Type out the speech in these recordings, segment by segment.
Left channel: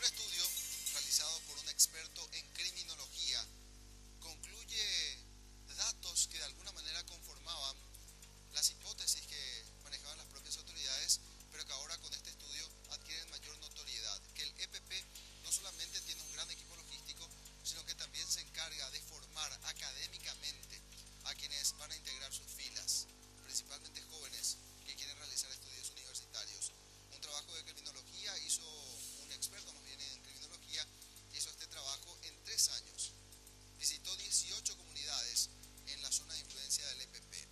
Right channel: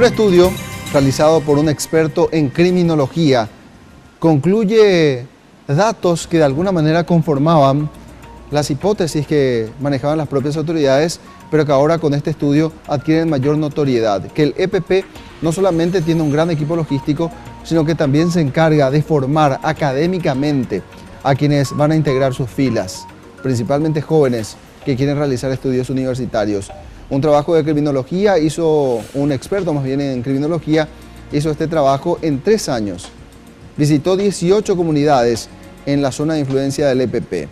Un estudio realizado por un experto en criminología concluye datos que de alguna manera conformaban las hipótesis que manejaban las propias autoridades, pero que ahora con este estudio adquieren mayor notoriedad. Que el EPP no solamente tiene un gran equipo logístico, sino que también se encarga de formar académicamente a quienes van a integrar sus filas, principalmente jóvenes que quieren realizar estudios universitarios. Un trabajo de criminología hizo un experto, más bien en criminología, hizo este trabajo en 3 años. Visitó 18 comunidades en la zona de influencia del EPP.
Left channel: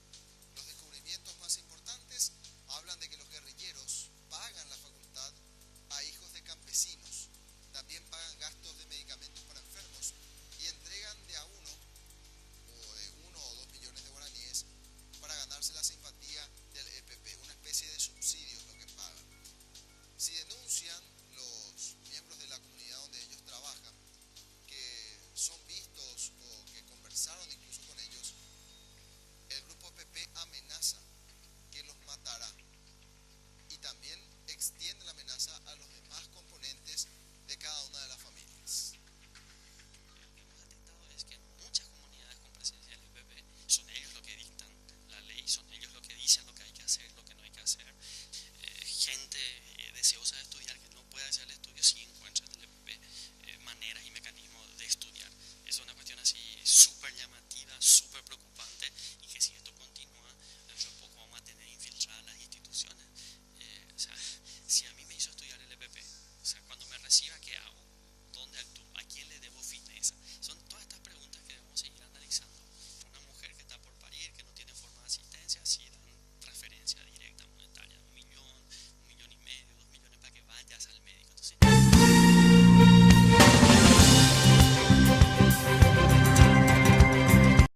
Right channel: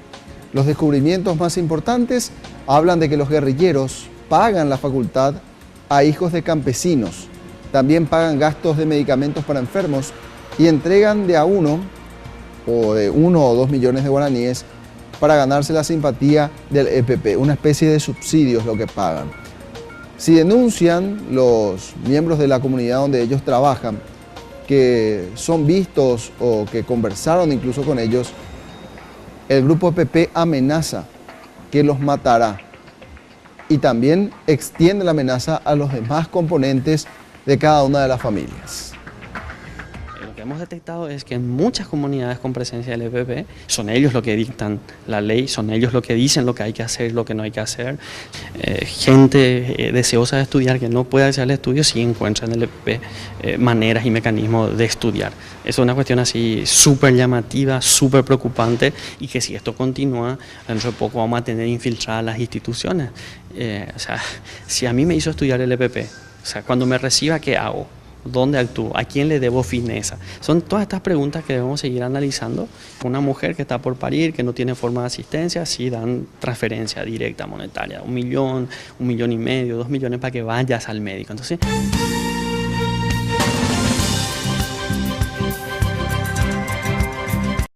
Los descubrimientos más importantes hablan de que los guerrilleros pagan la facultad a hijos de campesinos. También pagan gastos de medicamentos para enfermos y entregan de a uno o de 1 o 2 millones de guaraníes para ganarse la simpatía del EPP, una especie de subsidios lo que pagan. Si denuncian los miembros de la comunidad donde ellos trabajan, que son vistos o que conversaron incluso con ellos, el grupo EPP amenaza que los matará y también extiende la amenaza a los demás componentes de cada una de las familias. Lo que hemos detectado es que en muchas comunidades con presencia del EPP son ellos los que dictan la ley, son ellos los que dicen lo que hay que hacer, lo que no hay que hacer. Gente deseosa de estudiar que no puede acceder al estudio sí encuentra en el EPP maneras y mecanismos de estudiar. Es una cuestión así súper llamativa, súper preocupante y que si esto continúa, dentro de poco vamos a tener infiltradas las instituciones. O sea, si a mí me hizo estudiar el EPP, o sea, cuando me reciba, ¿qué hago? ¿Dónde actúo? ¿A quién le debo fineza? Son todas estas preguntas que debemos seguir analizando. Una mujer que está por parir, que no tiene forma de asistencia, sí dan transferencia directa monetaria, 1 millón, 1,5 millones, 2 millones para que vayas al médico. Entonces